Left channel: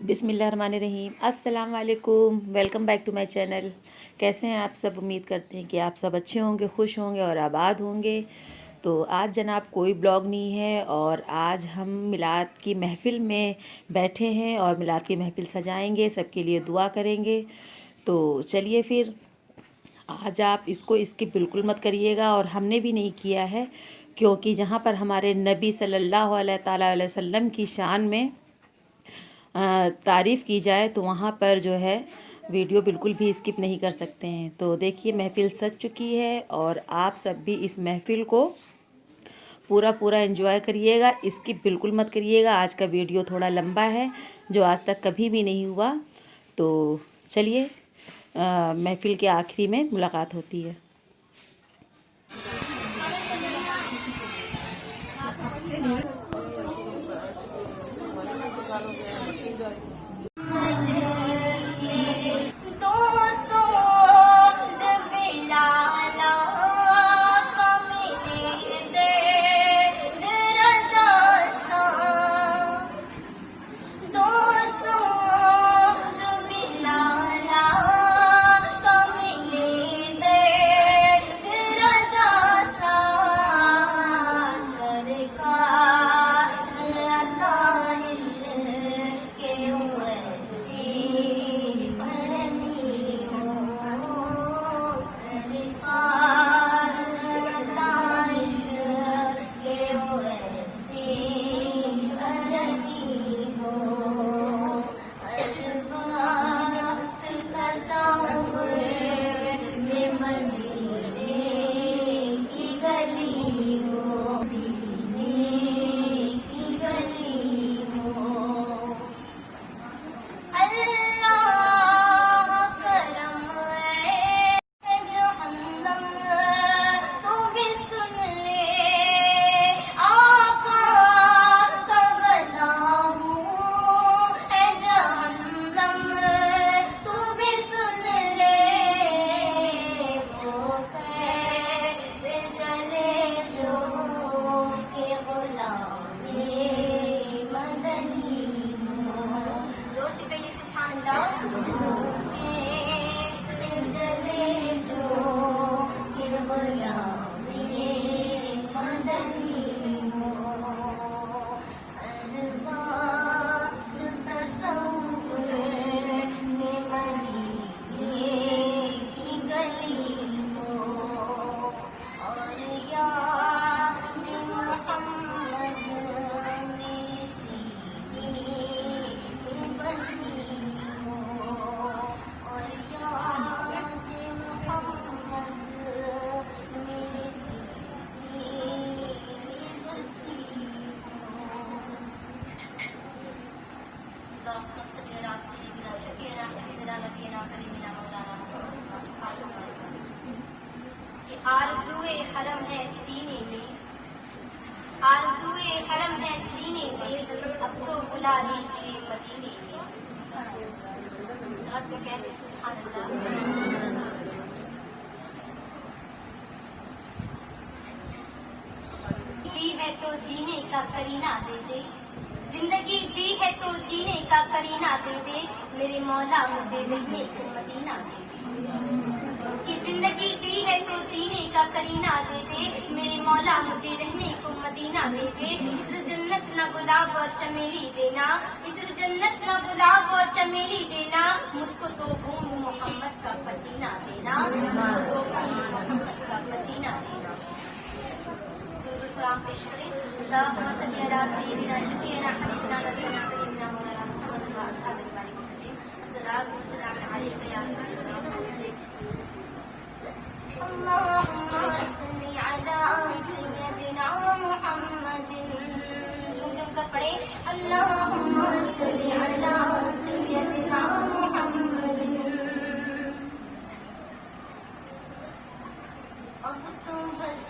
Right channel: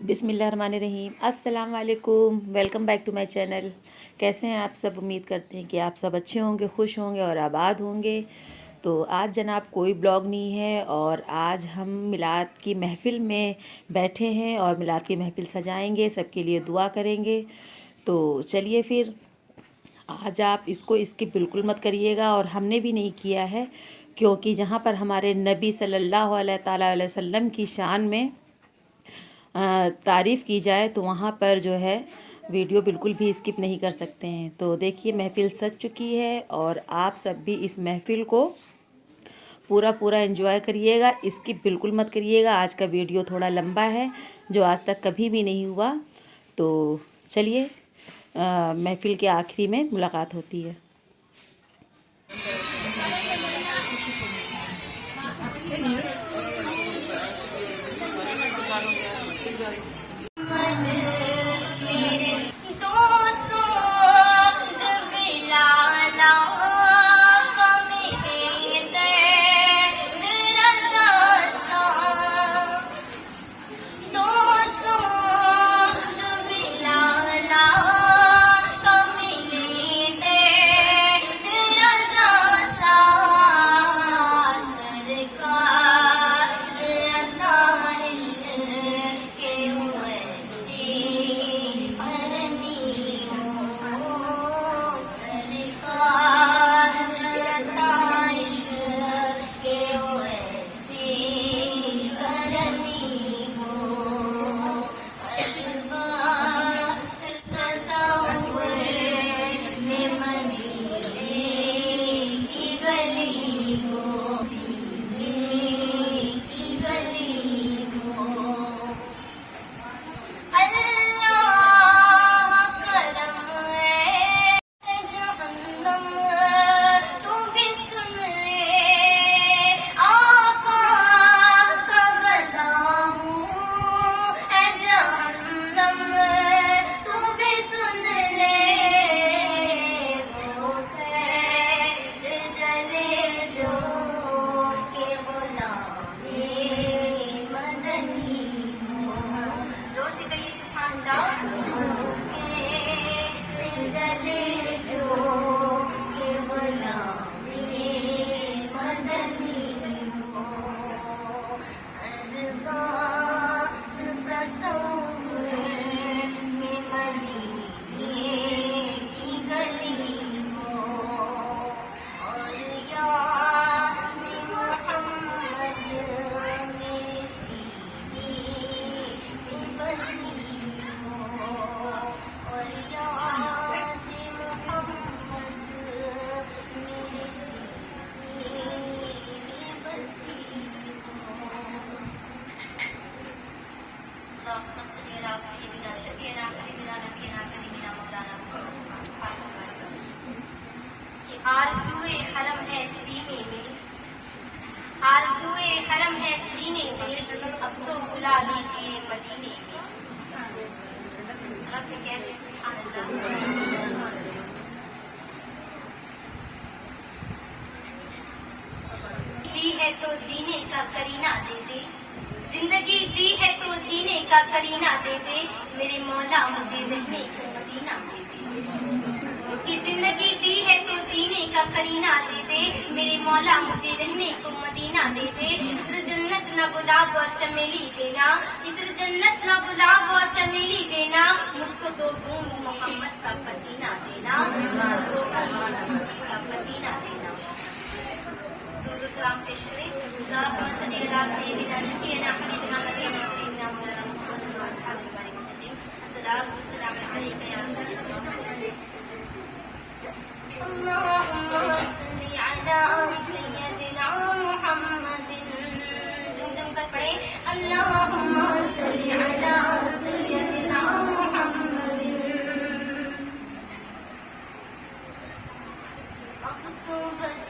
बिस्मिल्लाहिर्रहमानिर्रहीम। अस्सलाम वालेकुम। Welcome back to my channel. कैसे हैं आप सब? उम्मीद करते हैं कि आप सब अच्छे होंगे, खुश होंगे और आबाद होंगे। तो आज जनाब कोई ब्लॉग नहीं है और आज हम मिलाद की महफ़िल में बैठे हैं और मिलाद की महफ़िल सजाएंगे, सबके लिए दुआ करेंगे। तो चलिए फिर आज आप इसको स्किप बिल्कुल मत करिएगा और हमने भी नहीं किया है, क्योंकि जहाँ पर हमारे नबी सल्लल्लाहु अलैहि वसल्लम की शान में तारीफ़ की जाए तो वहाँ पर जो है वीडियो बिल्कुल भी स्किप नहीं कर सकते हैं। तो देखिए महफ़िल सज चुकी है और आप सब भी इस महफ़िल को पूरा पूरा एंजॉय करिएगा, स्किप बिल्कुल मत करिएगा। आज का वीडियो थोड़ा लंबा है, जो आज तक कभी भी नहीं हुआ। तो चलिए महफ़िल के आखिरी में मुलाकात होती है। आरज़ूए हरम है सीने में, आरज़ूए हरम है सीने में, अब तो बुला लीजिए मदीने में। रब कहते सुभान अल्लाह। दी है तो जीने का करीना दे दे, जिंदगी दी है तो जीने का करीना दे दे, मेरे मौला मुझे रहने को मदीना दे दे। कि जिंदगी दी है तो जीने का करीना दे दे, मेरे मौला मुझे रहने को मदीना दे दे। इधर जन्नत न गुलाब और चमेली देना, इधर जन्नत न गुलाब और चमेली देना, मुझको दो बूंद मोहम्मद का पसीना देना, मुझको दो बूंद मोहम्मद का पसीना देना। दुरूद सलाम पेश करें। अल्लाहुम्मा सल्ली अला सय्यिदिना शफीना हबीबिना नबीना करीमिना मौलाना मुहम्मद व अस्हाबिहि बारिक वसल्लम। अस्सलातु वस्सलामु अलैका या रसूलल्लाह। अल्लाहुम्मा सल्ली अला सय्यिदिना मुहम्मदिन। झुम-झुम कर पढ़े। अल्लाहुम्मा सल्ली अला सय्यिदिना मुहम्मदिन। अब तो बस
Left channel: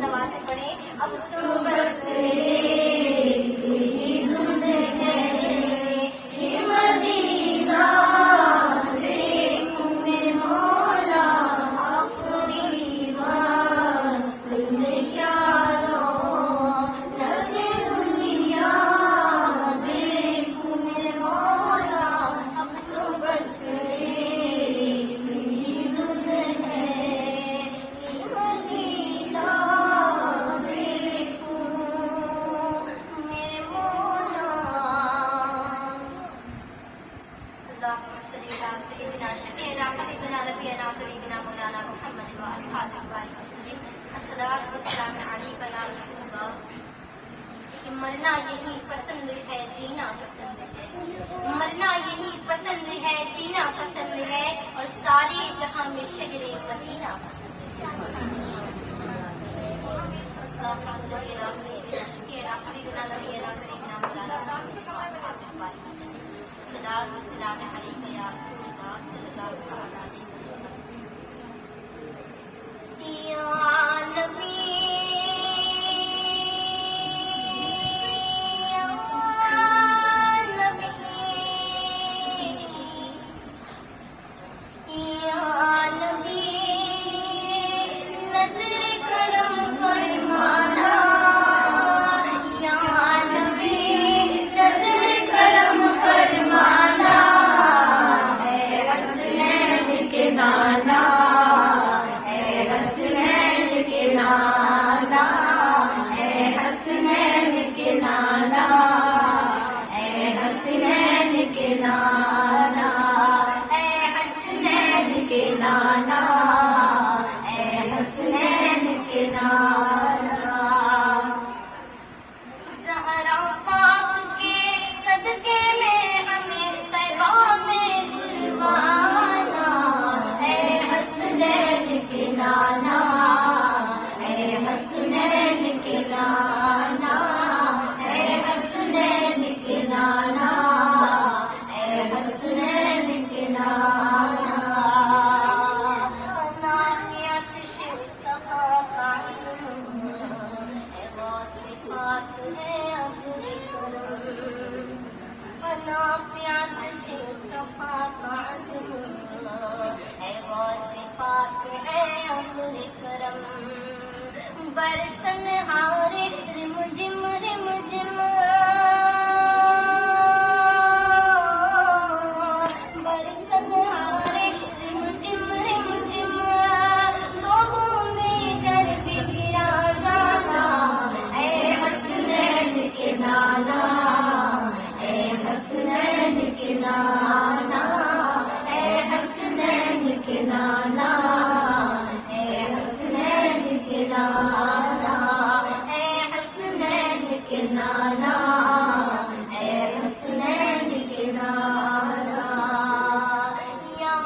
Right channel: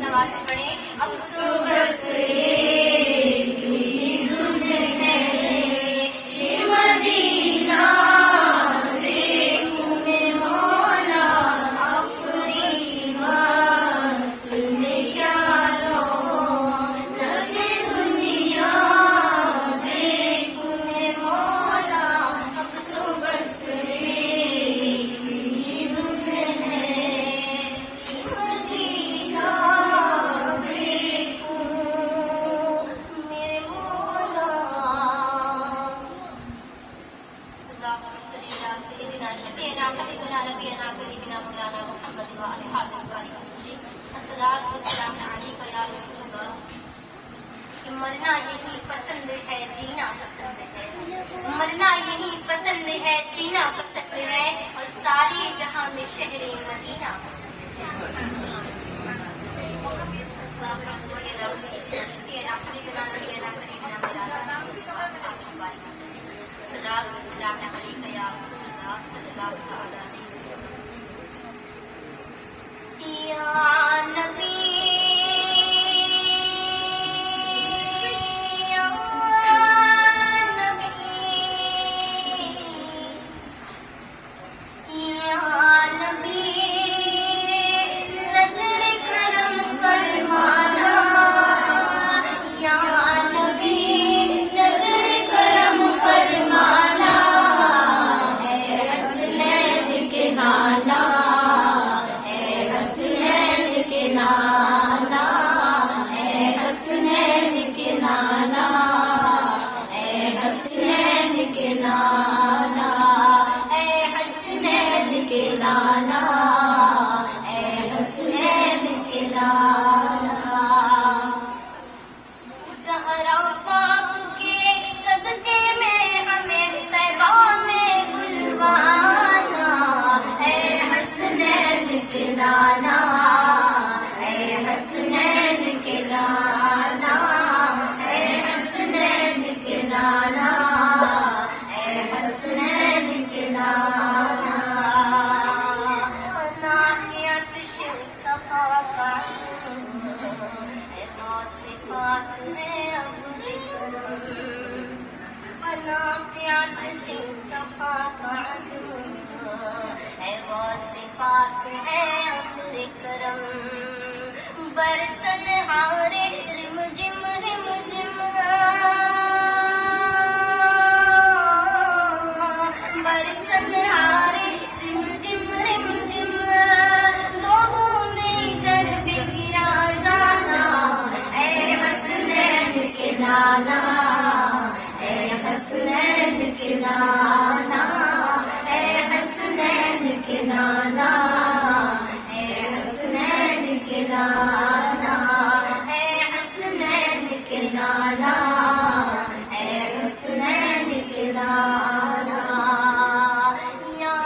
बुलंद आवाज में पढ़े। अब तो बस एक ही धुन है, ये मदीना देखूं मेरे मौला, आखिरी वक्त में क्या लगे दुनिया देखूं मेरे मौला। अब तो बस एक ही धुन है, ये मदीना देखूं मेरे मौला। अल्लाहुम्मा सल्ली अला सय्यिदिना शफीना हबीबना नबीना करीमना मौलाना मुहम्मद व अस्हाबिहि बारिक वसल्लम। अस्सलातु वस्सलामु अलैका या रसूल अल्लाह। कि मरना यही पसंद है, जीना पसंद है, मरना यही पसंद है, जीना पसंद है, और सारी जहां में शहरे मदीना पसंद है। अल्लाहुम्मा सल्ली अला सय्यिदिना शफीना हबीबना नबीना करीमना मौलाना मुहम्मद व अस्हाबिहि बारिक वसल्लम। अस्सलातु वस्सलामु अलैका या रसूल अल्लाह सल्लल्लाहु अलैहि वसल्लम। या नबी ज़हरा पाक के सदके में हमें तैबा में बुलवाना, ऐ हसनैन के नाना, ऐ हसनैन के नाना, ऐ हसनैन के नाना, ऐ हसनैन के नाना। नाहियत शिव सफा का सिफात है अब्दुल करम, अनाफियत शिव सफा का है, वो सिफात है अब्दुल करम। बरसन हारे रिमझिम रिमझिम, बरसन हारे रिमझिम रिमझिम, दो बूंदे दर पे गिरा जाना, ऐ हसनैन के नाना, ऐ हसनैन के नाना, ऐ हसनैन के नाना, ऐ हसनैन के नाना, ऐ हसनैन के नाना, ऐ हसनैन के नाना। या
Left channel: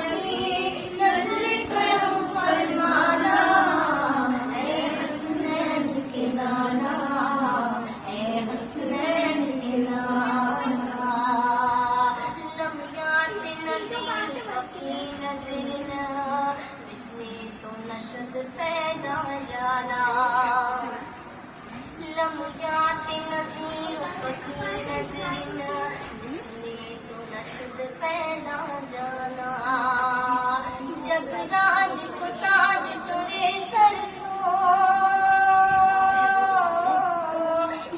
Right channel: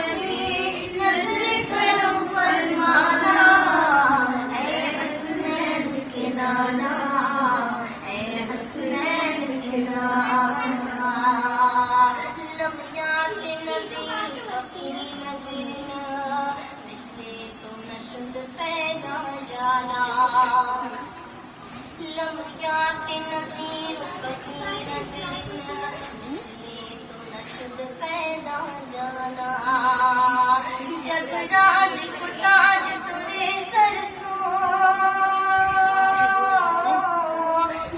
नबी नज़र करम फरमाना, ऐ हसनैन के नाना, ऐ हसनैन के नाना। लम्हियात नज़ीर की नज़र न पिछले तो नशद पैदा जाना, लम्हियात नज़ीर की नज़र न पिछले तो नशद पैदा जाना। जगराज को ताज तुरे सरसों,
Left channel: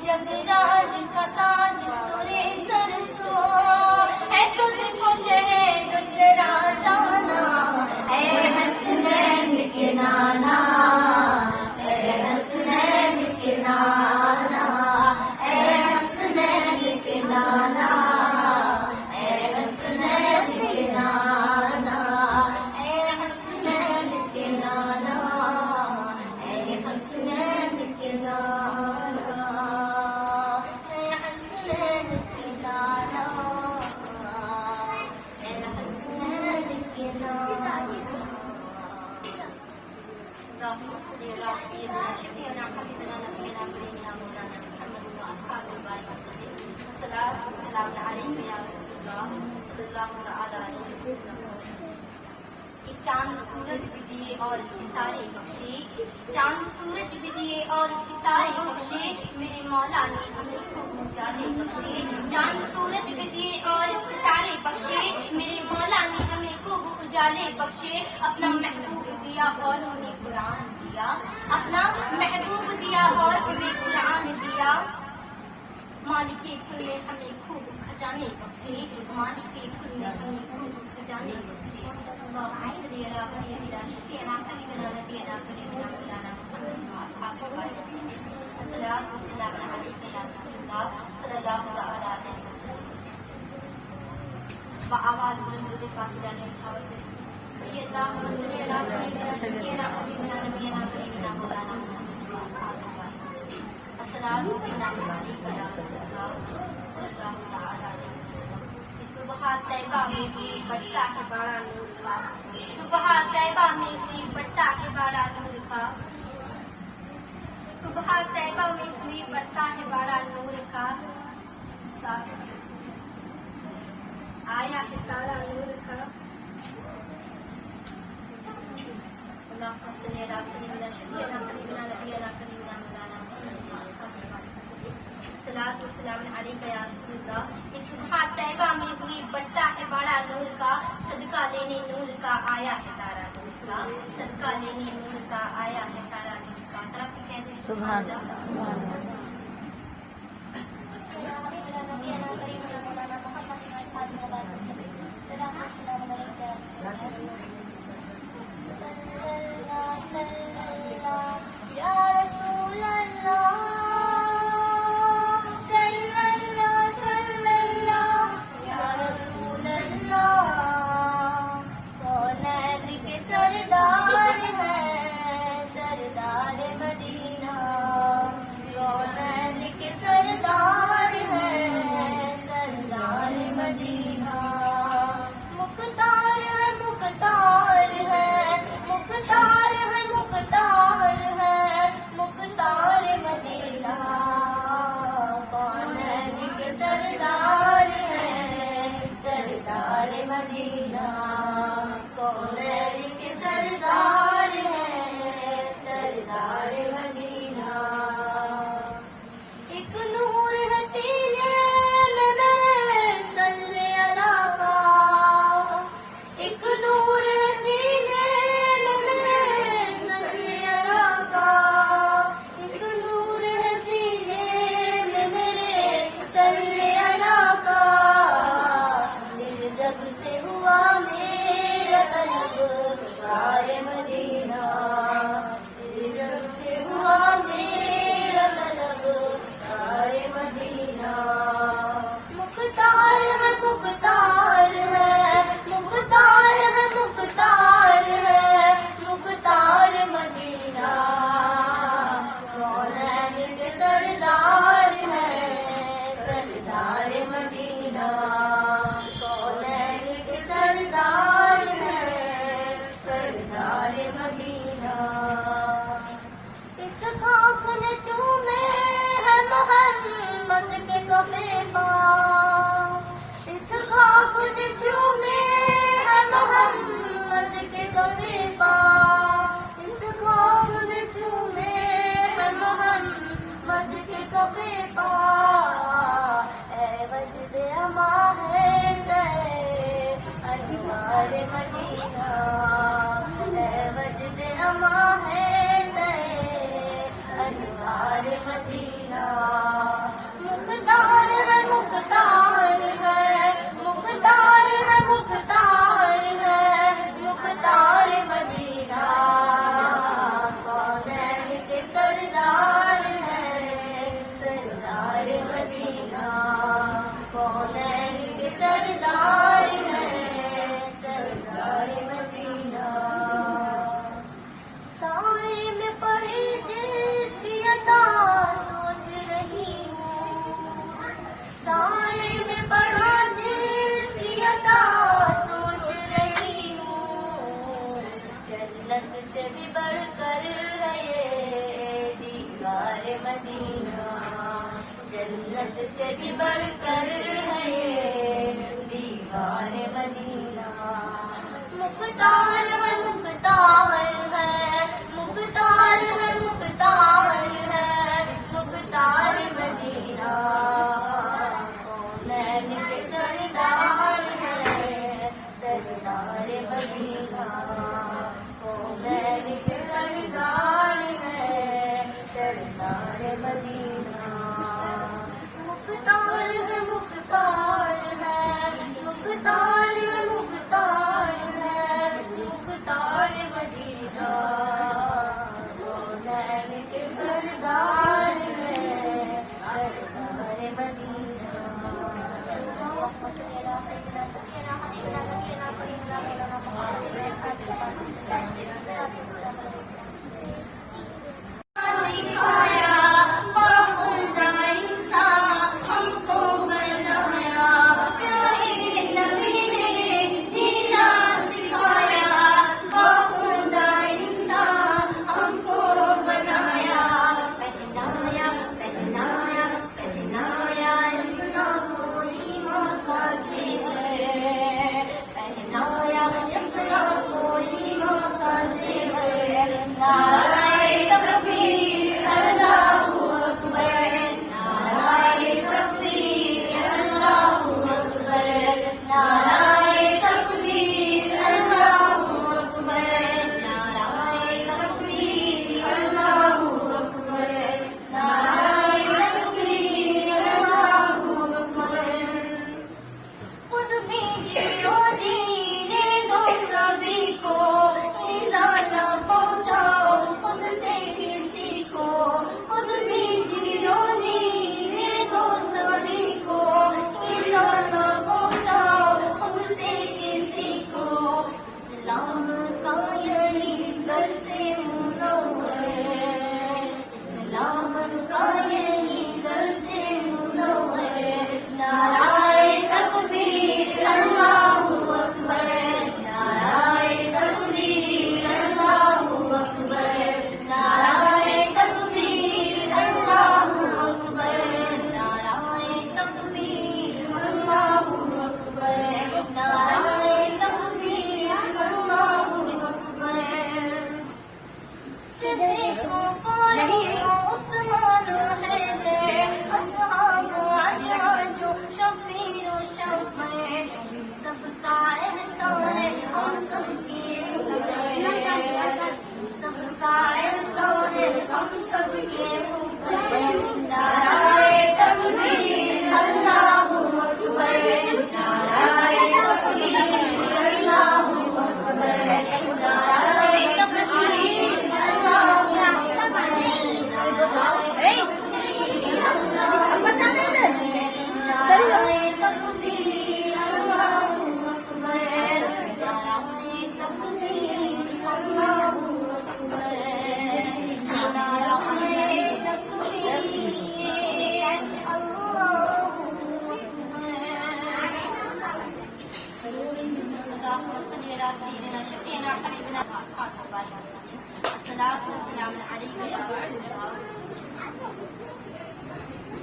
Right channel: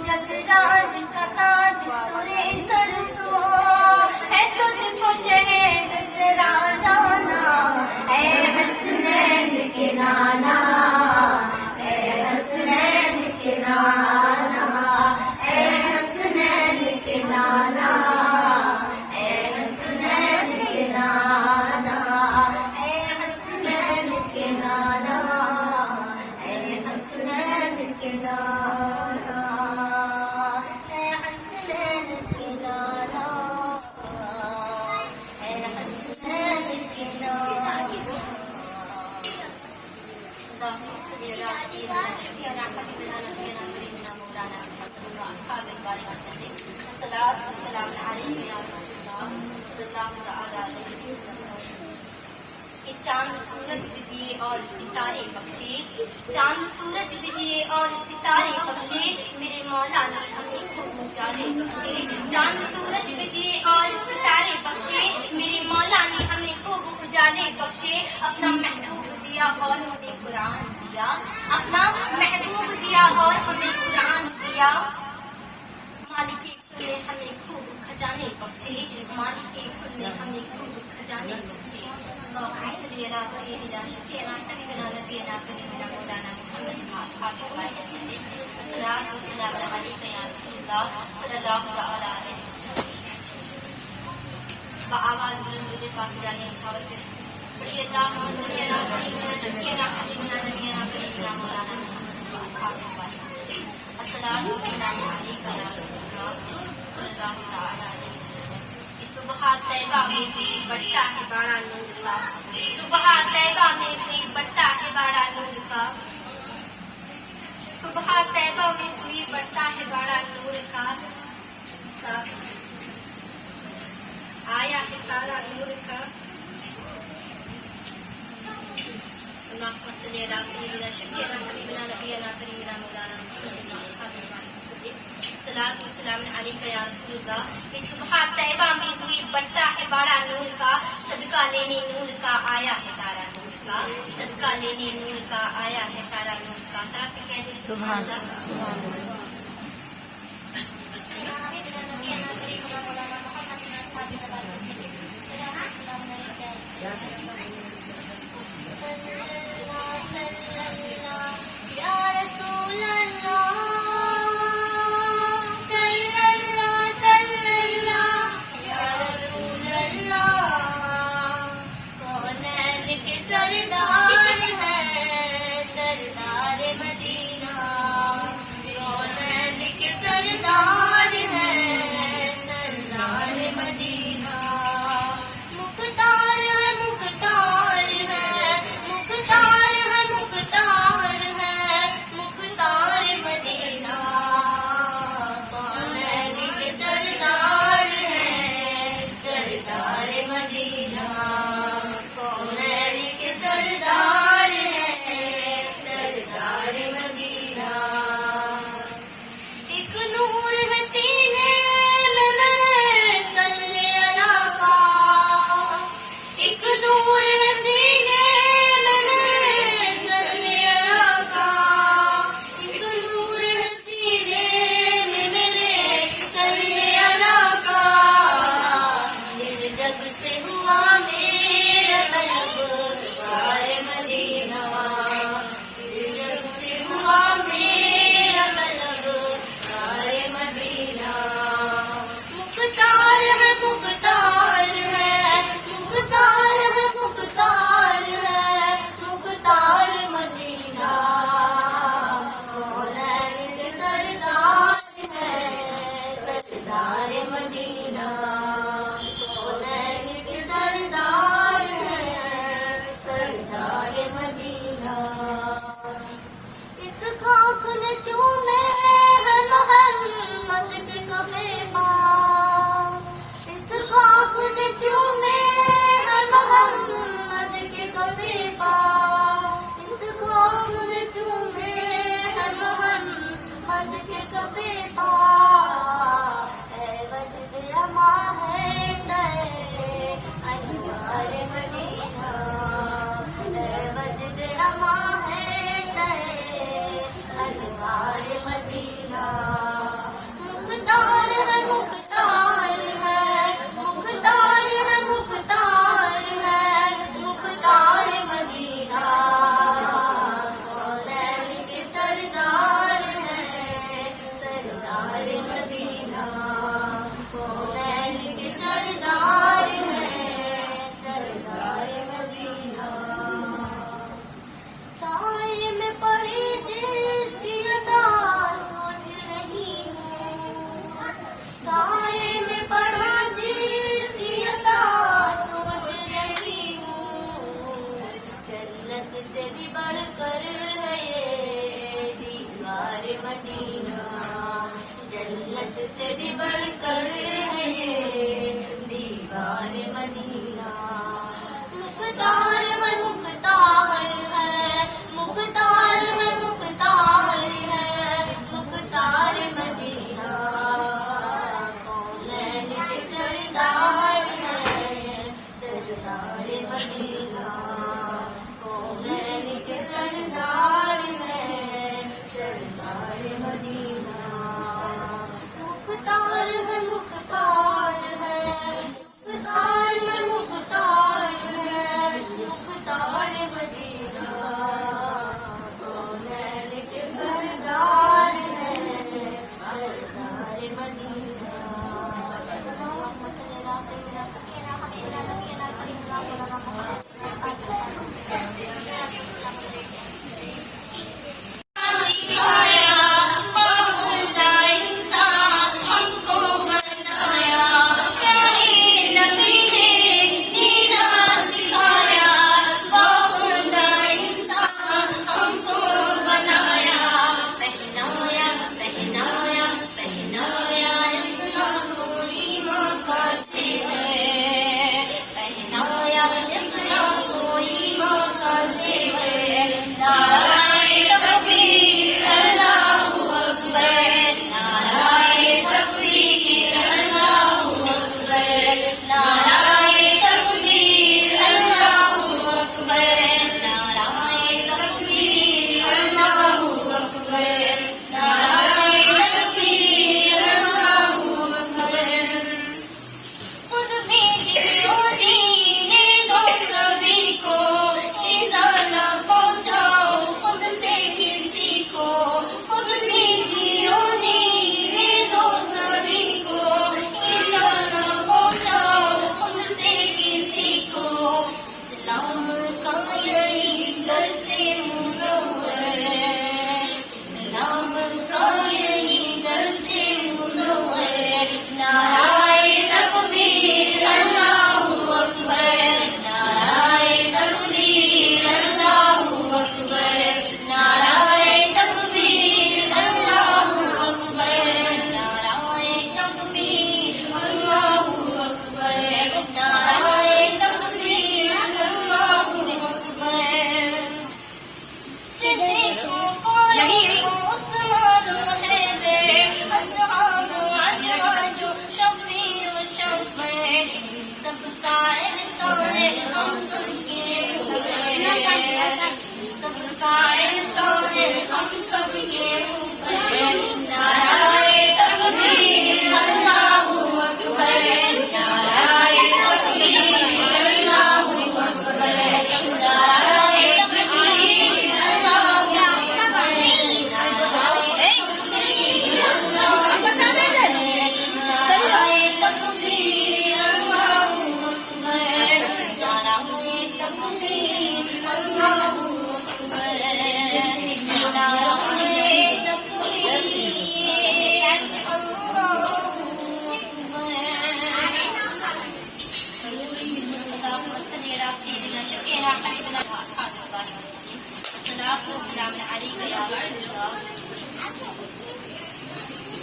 जगराज का ताज तुरे सरसों, है तुझको शहद से जाना, ऐ हसनैन के नाना, ऐ हसनैन के नाना, ऐ हसनैन के नाना, ऐ हसनैन के नाना, ऐ हसनैन के नाना, ऐ हसनैन के नाना, ऐ हसनैन के नाना, ऐ हसनैन के नाना। अल्लाहुम्मा सल्ली अला सय्यिदिना शफीना हबीबना नबीना करीमना मौलाना मुहम्मद व अस्हाबिहि बारिक वसल्लम। अस्सलातु वस्सलामु अलैका या रसूल अल्लाह सल्लल्लाहु तआला अलैहि वसल्लम। कि चांद सूरज भी दिए और सितारे बख्शे, चांद सूरज भी दिए और सितारे बख्शे, मेरे मौला ने हमें खूब उजाले बख्शे, चांद सूरज भी दिए और सितारे बख्शे, मेरे मौला ने हमें खूब उजाले बख्शे, अपना महबूब दिया और हमें कुरान दिया, अपना महबूब दिया और हमें कुरान दिया, मालिक के खुद ने हमें खूब खजाने बख्शे, मालिक के खुद ने हमें खूब खजाने बख्शे। सैयदना सैयदना शफीअना हबीबना नबीना करीमना मौलाना मुहम्मद अस्सलातु वस्सलामु अलैका या रसूलल्लाह सल्लल्लाहु तआला अलैहि वसल्लम। आवाज बुलंद के साथ जाने इशारा करें, पढ़िए अल्लाहुम्मा सल्ली अला सय्यिदना शफीअना हबीबना नबीना करीमना मौलाना मुहम्मद अस्सलातु वस्सलामु अलैका या रसूलल्लाह सल्लल्लाहु तआला अलैहि वसल्लम। सुबह तैबा में भी बढ़ता है बड़ा नूर का, सुबह तैबा में भी बढ़ता है बड़ा नूर का, सुबह तैबा में भी बढ़ता है बड़ा नूर का, आया है तारा नूर का। अल्लाहुम्मा सल्ली अला सय्यिदना शफीअना हबीबना नबीना करीमना मौलाना सलात व सलाम अलैका या रसूलल्लाह। इस सुबह तैबा में हुई बढ़ता है बड़ा नूर का, सदका लेने नूर का आया है तारा नूर का, सदका लेने नूर का आया है तारा नूर का। ताकि कहते सुभान अल्लाह। से भी बढ़कर है ये दीवार मदीना मुख्तार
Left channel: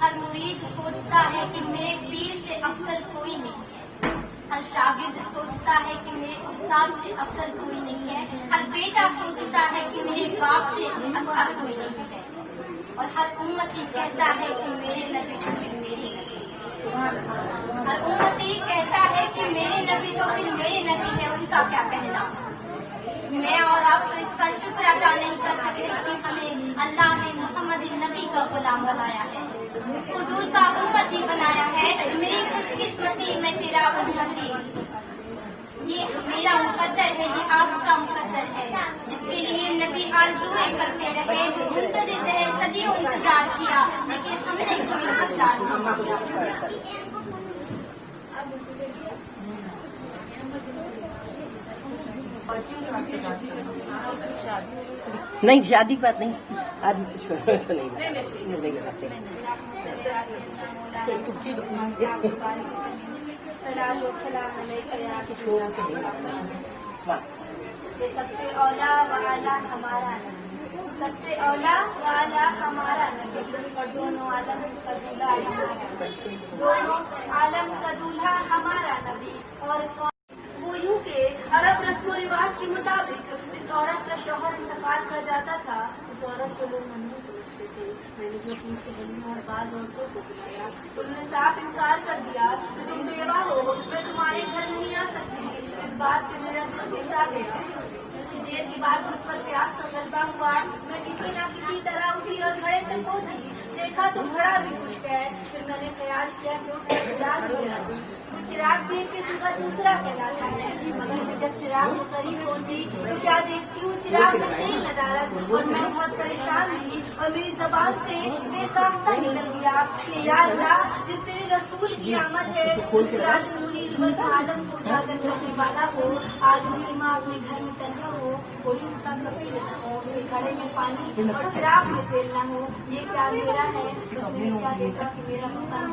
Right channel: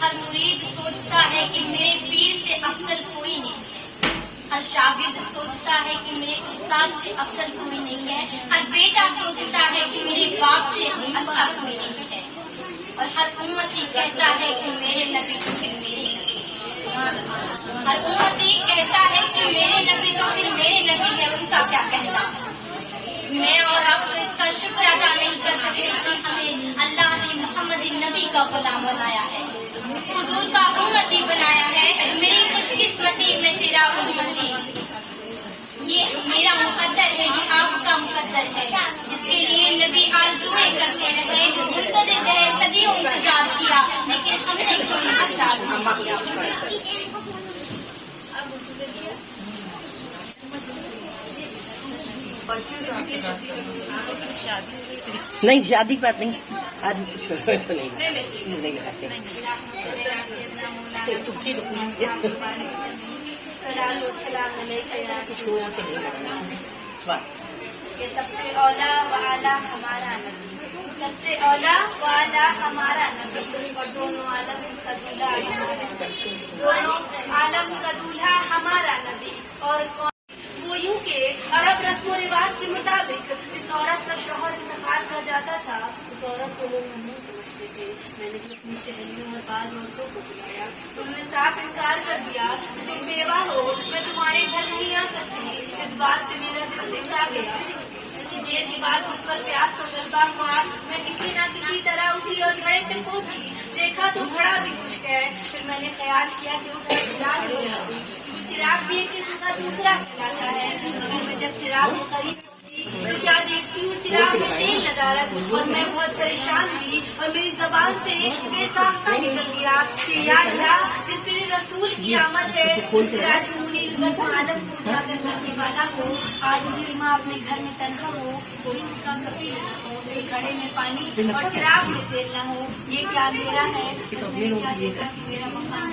हर मुरीद सोचता है कि मेरे पीर से अफजल कोई नहीं है। हर शागिर्द सोचता है कि मेरे उस्ताद से अफजल कोई नहीं है। हर बेटा सोचता है कि मेरे बाप से अच्छा कोई नहीं है। और हर उम्मती कहता है कि मेरे नबी तो फिर मेरे नबी। हर उम्मती कहता है कि मेरे नबी तो फिर मेरे नबी है, उनका क्या कहना। मैं और आप तो इसका शुक्र अदा नहीं कर सकते कि हमें अल्लाह ने मोहम्मद नबी का गुलाम बनाया है, हुजूर का उम्मती बनाया है। मेरी खुशकिस्मती मैं तेरा उम्मती, ये मेरा मुकद्दर है, ये आपका मुकद्दर है, जिसके लिए नबी आरज़ुएं करते रहे, मुंतज़िर रहे, सदियों इंतजार किया, लेकिन हमने कोई असर नहीं किया। नहीं शादी की बात नहीं, आदमी कुछ तो नहीं कराते। ये सबसे औला वाला हमारा नबी, सबसे औला वाला हमारा नबी, और दोनों आलम का दूल्हा हमारा नबी, दोनों आलम का दूल्हा हमारा नबी। और वो यूं के अरब रस्म रिवाज के मुताबिक इस औरत का शौहर इंतकाल कर जाता था, उस औरत को वो ममनू समझते थे। मैंने जो अपनी सहेलियों और बाज औरतों को बुलाया तो उन्होंने साफ इनकार कर दिया कि तुम बेवा हो, मैं तुम्हारे घर नहीं आ सकती। इस बात से मेरा दिल घुसा गया। कुछ देर के बाद मुझ पर प्यास का गलबा हुआ। मैं किसी न किसी तरह उठी और घड़े तक पहुंची। देखा तो घड़ा भी खुश्क है। फिर मैंने ख्याल किया कि उठा चिराग ले आती। वो चिराग भी एक किस्म का दूसरा कहलाता है। मगर मैं जब चिराग के करीब पहुंची तो क्या देखती हूँ, चिराग में तेल नदारत। और मैं बहुत परेशान हुई और मेरी जबान से बेसाख्ता निकल गया कि या अल्लाह, जिस तेरे रसूल की आमद है, उस सिराज मुनीर बस आलम को उजागर करने वाला हो। आज उसकी माँ अपने घर में तन्हा हो, कोई उसका कफील न हो, मेरे घड़े में पानी और चिराग में तेल न हो। ये क्या अंधेरा है। तो मैंने क्या देखा कि मेरा मकान।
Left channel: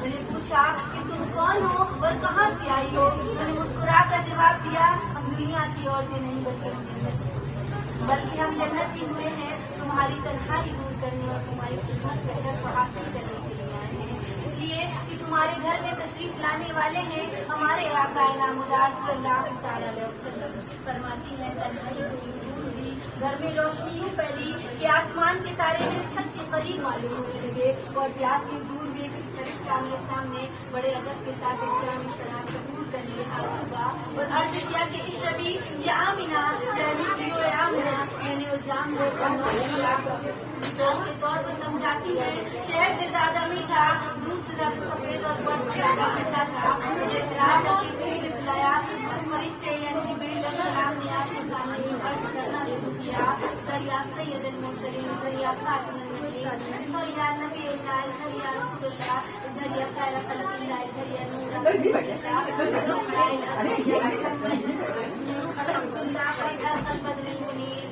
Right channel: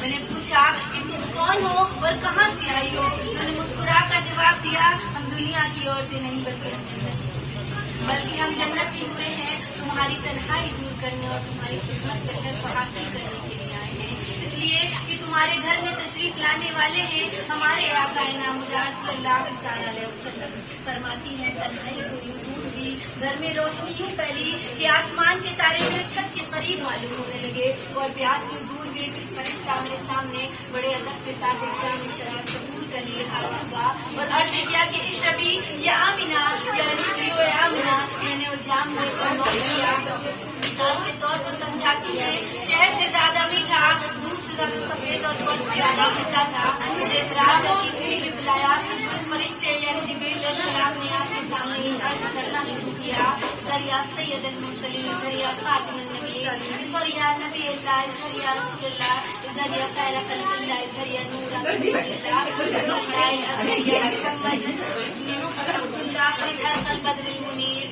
मैंने पूछा कि तुम कौन हो और कहाँ से आई हो। उन्होंने मुस्कुरा कर जवाब दिया, हम दुनिया की औरतें नहीं बल्कि हम जन्नत की हुरे हैं। तुम्हारी तन्हाई दूर करने और तुम्हारी खिदमत का शर्फ हासिल करने के लिए आए हैं। इसलिए कि तुम्हारे घर में तशरीफ लाने वाले हैं हमारे आका नामदार सल्लल्लाहु अलैहि वसल्लम। फरमाती है तन्हाई हुई, घर में रोशनी यूं फैली कि आसमान के तारे मेरे छत के करीब मालूम होने लगे और प्यास यूं दूर हुए। फिर फरिश्ता मेरे सामने बड़े अदब के साथ एक में शराब कबूल कर लिए हाजिर हुआ और अर्ज किया कि इश्रबी या आमिना, यानी पियो या आमिना। मैंने वो जाम के तौर पर समझाती है, शहद से ज्यादा मीठा, दूध से ज्यादा सफेद और बर्फ से ज्यादा मीठा था। मुझे इसरार करके कहीं भी बुलाया। उस फरिश्ते यानी जिब्रील अलैहिस्सलाम ने आपके सामने अर्ज करना शुरू किया, सरिया सैयदुल मुरसलीन, सरिया खातिमुन नबिय्यीन, सरिया नबी अल्लाह, सरिया रसूलुल्लाह, सरिया खैर खल्क़िल्लाह, सरिया नूर अल्लाह, सरिया मुहम्मद अब्दुल्लाह खैर खल्क़िल मुनीर।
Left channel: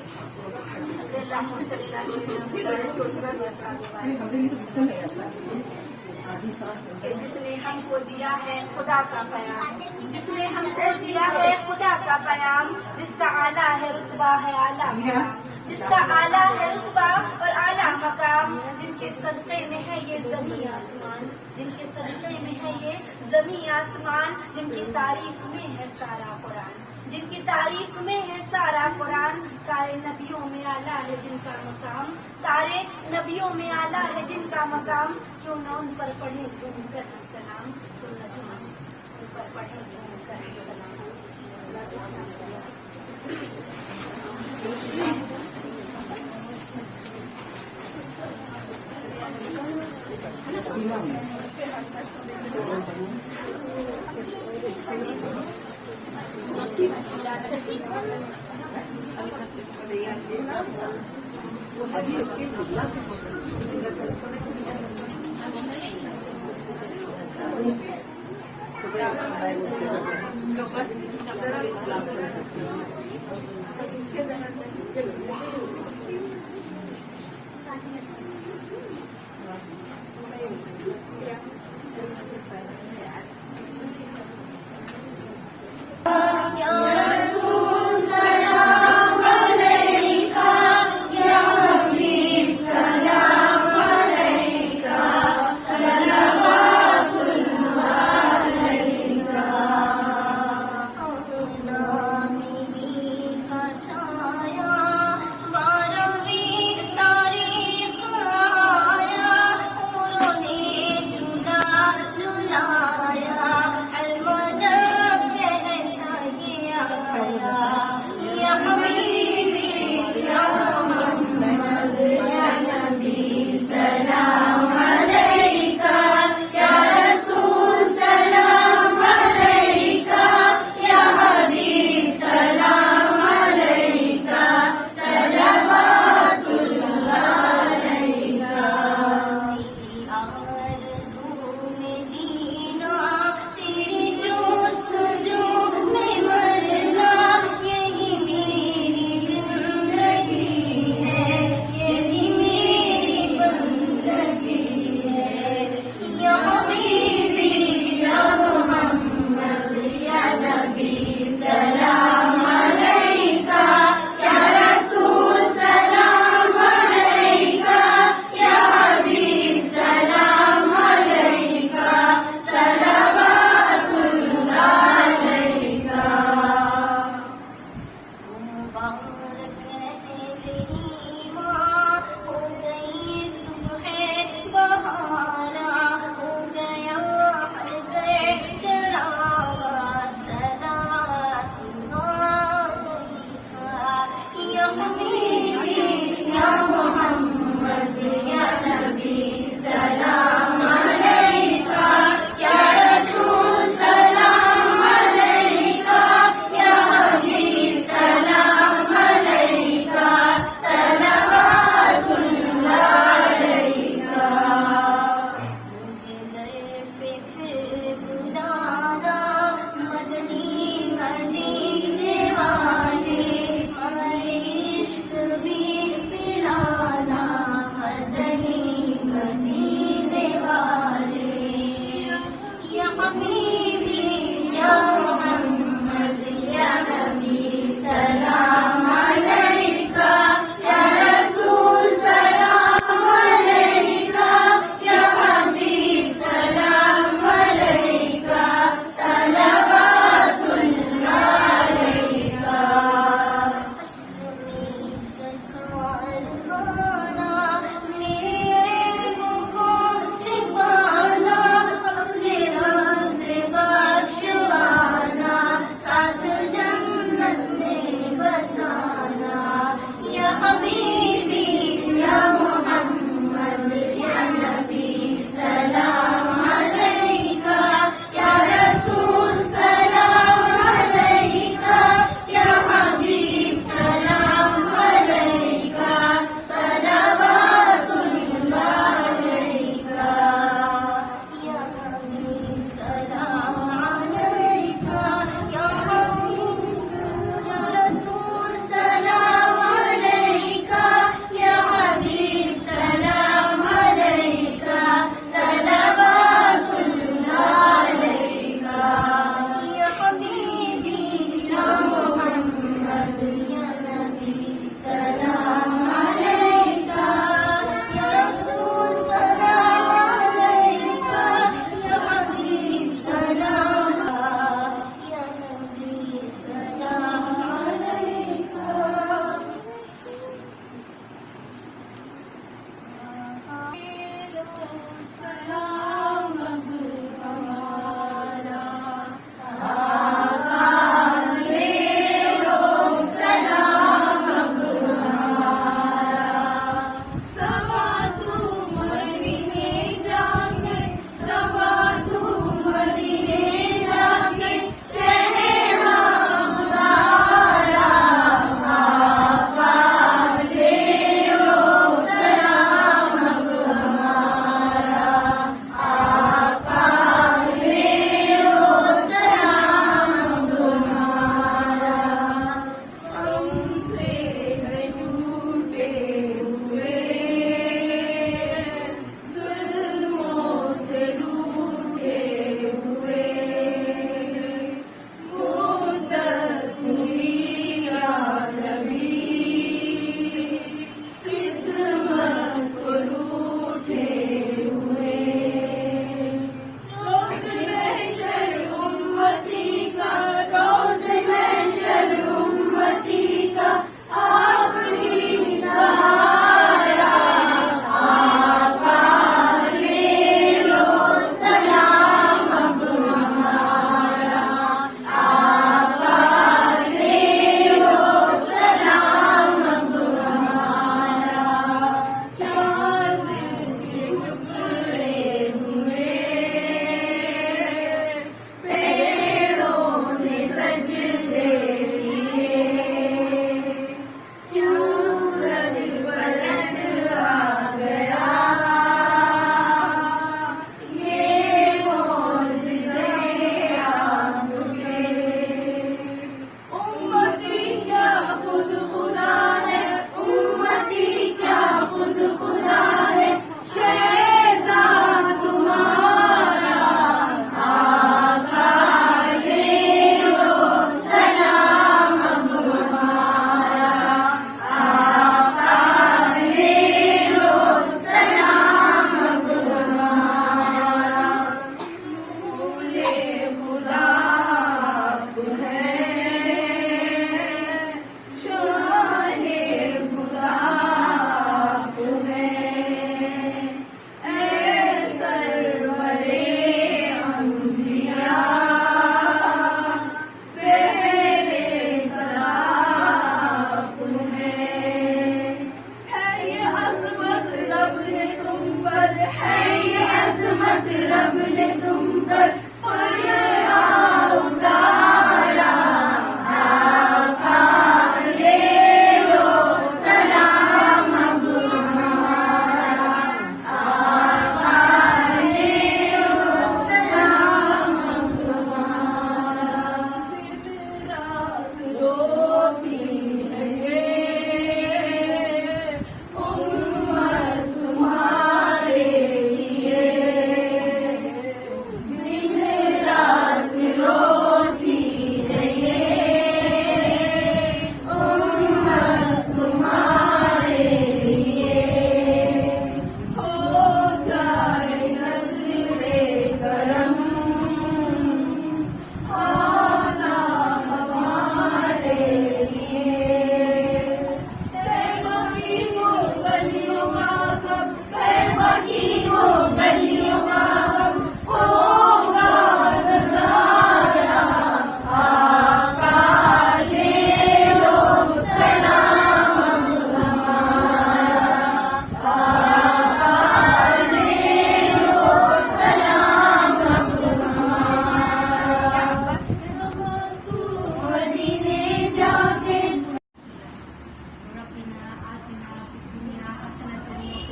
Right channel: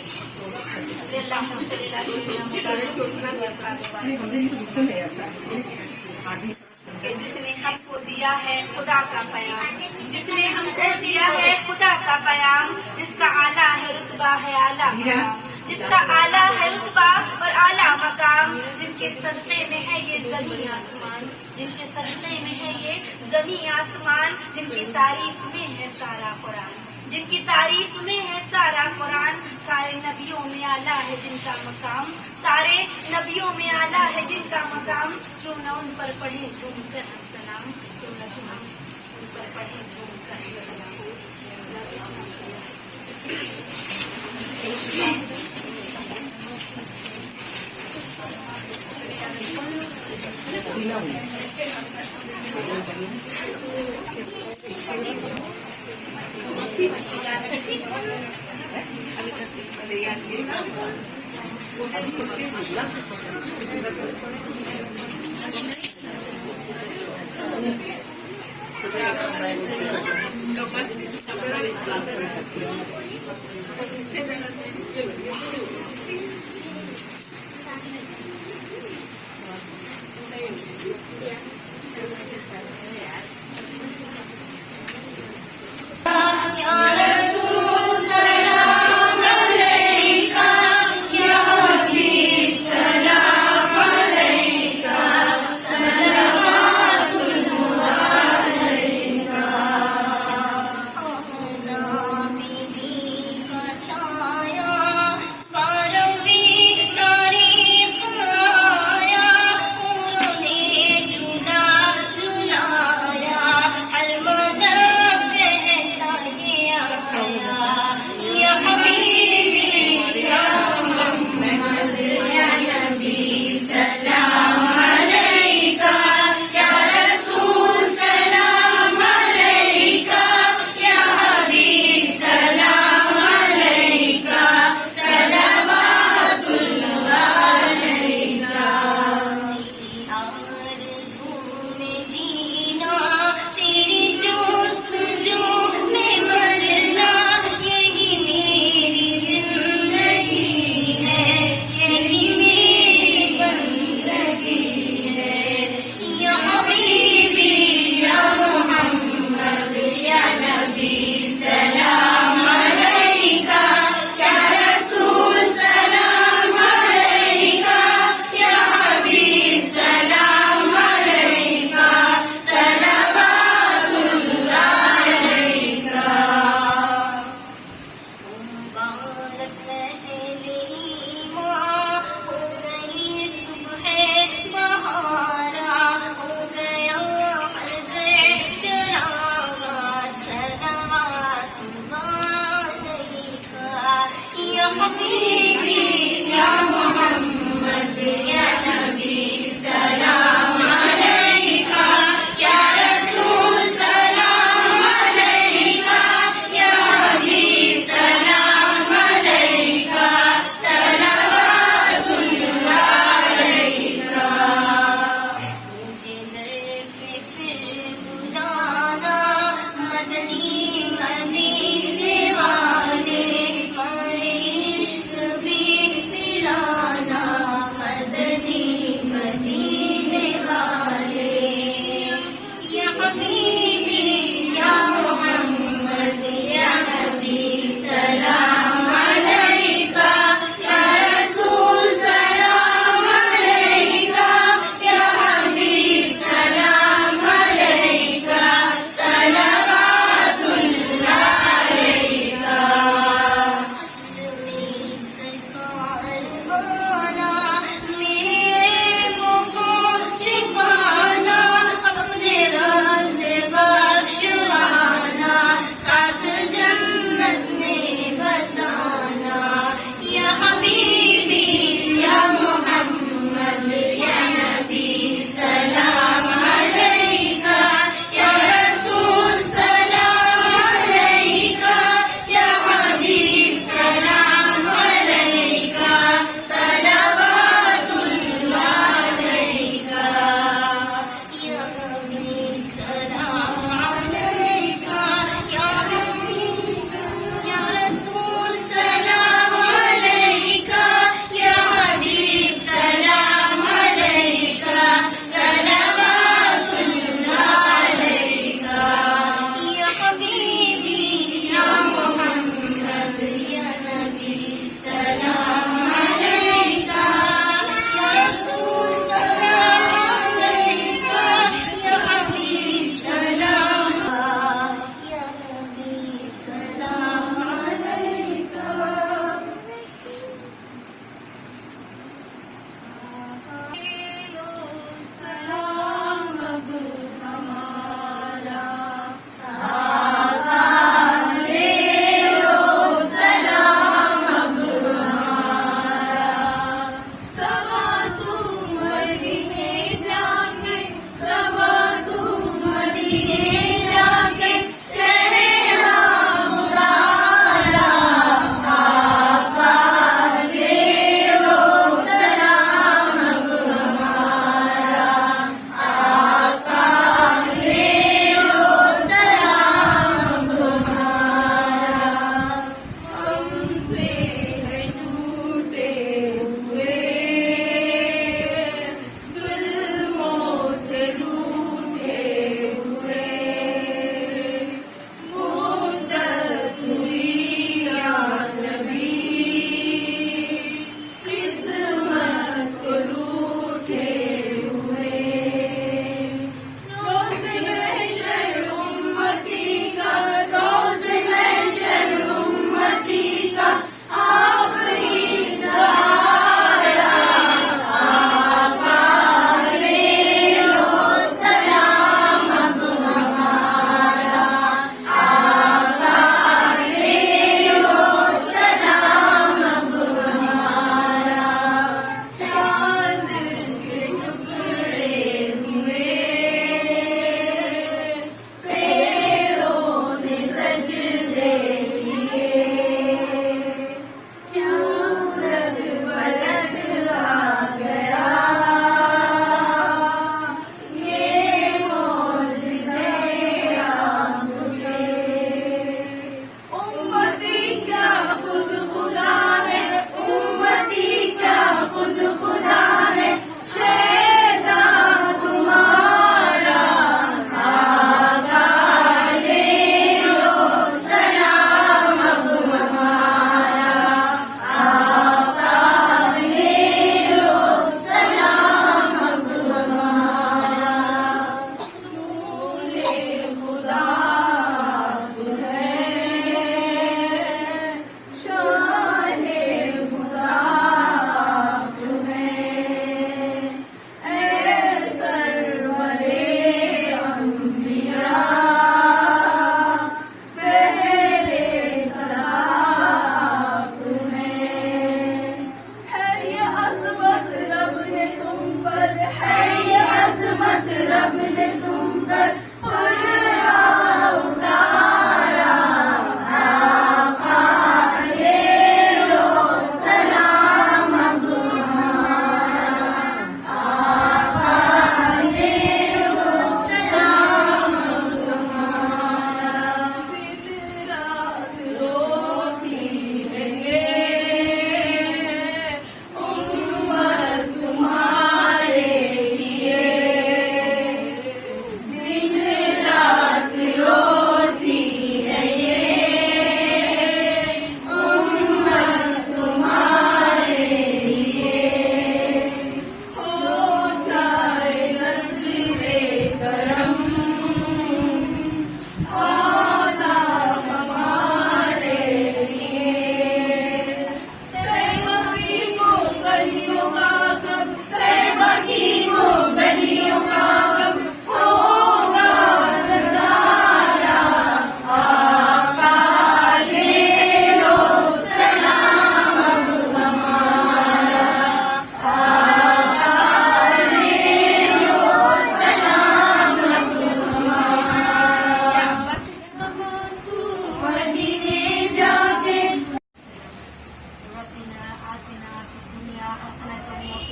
जिसने हमको दिया है खुदा का पैगाम, जिसने हमको दिया है खुदा का पैगाम, जिसका आला है रुतबा है आला मकाम, जिसका आला है रुतबा और आला मकाम, जिनके सदक़े में है ये ज़मीन आसमान, जिनके सदक़े में है ये ज़मीन आसमान, जिनकी तारीफ में है सारा कुरान, जिनकी तारीफ में है सारा कुरान। सारे नबियों में आला है जिनका मकाम, सारे नबियों में आला है जिनका मकाम। क्यों न उन पर पढ़े झूम कर हम सलाम, क्यों न उन पर पढ़े झूम कर सलाम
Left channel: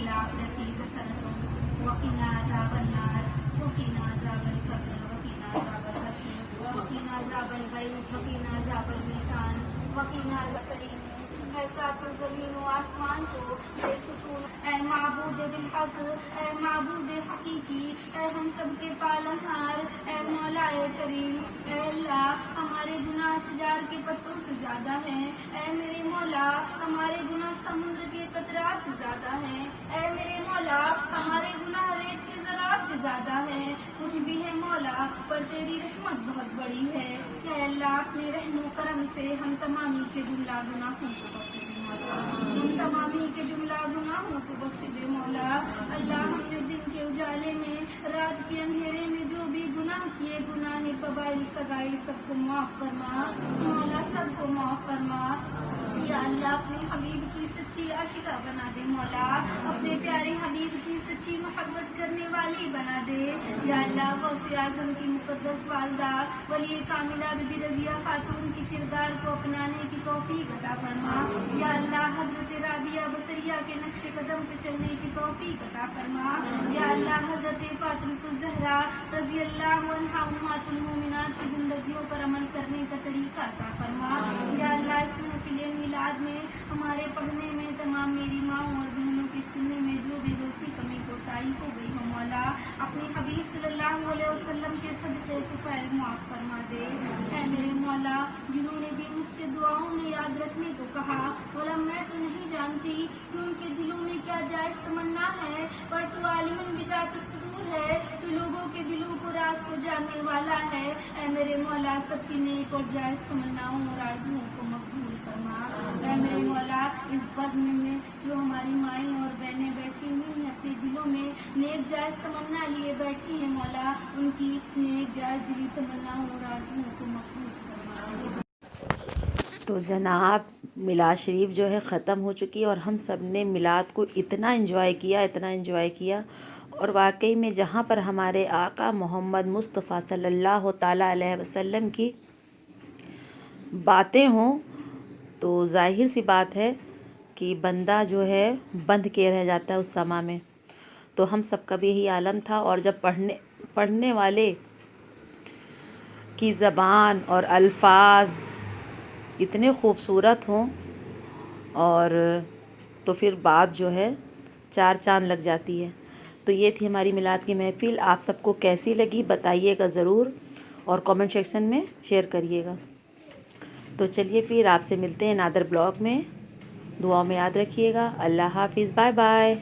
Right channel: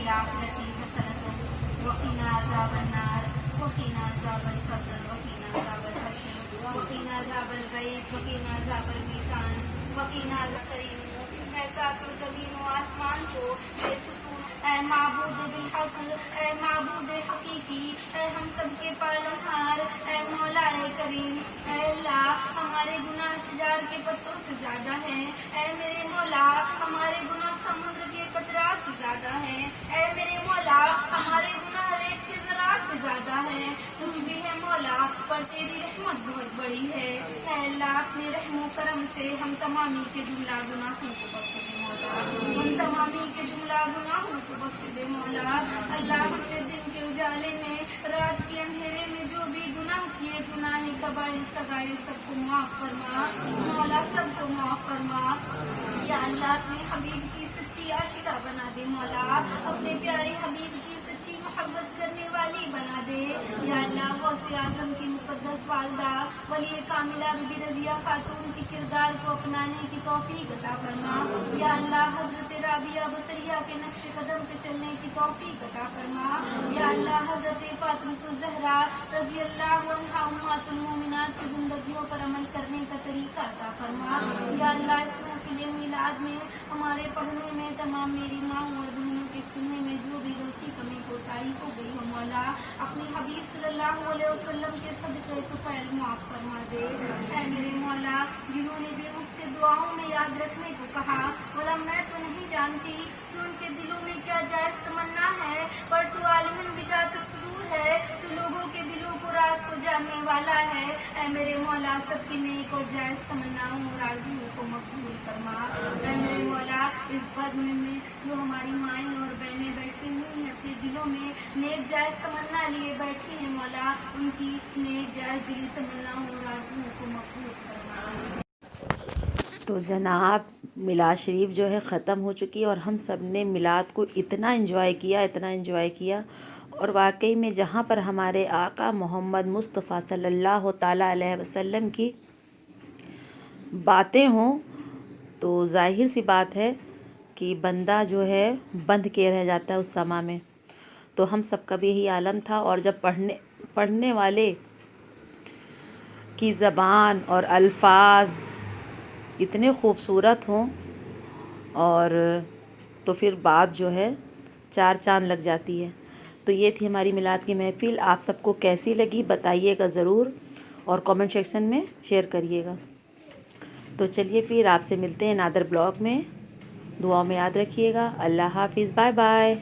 الآخرة حسنة وقنا عذاب النار وقنا عذاب القبر وقنا عذاب الحشر وقنا عذاب البيت وقنا عذاب الميزان وقنا عذاب الكريم ऐसा कि जमीन व आसमान को बेसुकून ऐ माबूद बिल हक ऐ माबूद हकीकी ऐ हम सब के पालनहार ऐ मौला ऐ करीम ऐ अल्लाह हमारे गुनाह शजार के पत्तों से ज्यादा हैं ऐ मेरे मौला हमारे गुनाह समुद्र के कतरात से ज्यादा हैं ऐ मेरे मौला हमारे गुनाह रेत के ज़रात से ज्यादा हैं कुछ भी है मौला पर तेरी रहमत बहुत बड़ी है ऐ अल्लाह अपने रहमो करम से हम तमामी के जुमला गुनाहों को बख्श दे मौला हम तमामी के जुमला गुनाहों को बख्श दे मौला अल्लाह हमने दिन के उजाले में रात के अंधेरे में जो भी गुनाह किए गुनाह कबाइल सगाइल सबको माफ फरमा मौला सबको माफ फरमा या अल्लाह अपने हबीब की सच्ची आशिका बना दे मौला अपने प्यारे हबीब की सच्ची मोहब्बत करने वाली बना दे या अल्लाह गौसे आजम की मुकद्दस वालदा वली कामिला बीबी रजिया खातून के किरदार को अपनाने की तौफीक अता फरमा या अल्लाह हजरत राबिया बसरिया के नक्शे कदम पे चलने की तौफीक अता फरमा या अल्लाह हजरत फातिमा ज़हरा रज़ी अल्लाह अन्हा उम्मतुल मोमिनात की जिंदगियों पर अमल करने का तरीका अता फरमा या अल्लाह इस महफिल मिलाद में हमारे पढ़ने में तमाम मेरी माँ और बहनों के सुनने में जो भी गलती कमी कोताही हो गई हो मौला अपनी हबीब सल्लल्लाहु अलैहि वसल्लम के सदक़े तुफ़ैल माफ फरमा दे ऐ मेरे मौला जिन्होंने भी मुझसे दुआओं में याद रखने को कहा मौला मैं तो नहीं जानती कि उनके दिलों में क्या जायज़ तमन्ना है पर तू आलिमन बिजात सुदूर है तू लोगों के दिलों को राज को जानने वाला है ऐ मेरे मौला सबकी नेक और जायज़ तमन्नाओं और आरज़ुओं को मकबूल फरमा ऐ मेरे मौला इस बद में जो हमारी माएँ और बहनें बैठी हुई हैं अपने दिलों में नेक जायज़ तमन्ना लिए बैठी हैं मौला उनकी नेक जायज़ दिली तमन्नाओं और आरज़ुओं को मकबूल फरमा। तो जनाब मिलाद शरीफ जो है ख़त्म हो चुकी है और हम सब ने मिलाद को इतना एंजॉय किया और वाकई में जहाँ पर हमारे आका मोहम्मद मुस्तफ़ा सल्लल्लाहु ताला अलैहि वसल्लम की बातें हों तो ज़ाहिर सी बात है कि बंदा जो है बंध के रह जाता है उस समा में। तो हम सबका भी यही आलम था और जब पढ़ने वाले की ज़बान और अल्फाज इतने खूबसूरत हों और तो फिर बात जो है चार चांद लग जाती है। तो ये थी हमारी मिलाद की महफ़िल। आप सबको कैसी लगी बताइएगा ज़रूर और कमेंट सेक्शन में शेयर करिएगा। तो चलिए फिर आपसे मिलते हैं नादर ब्लॉग में। दुआओं में याद रखिएगा। अल्लाह हाफिज़, बाय बाय।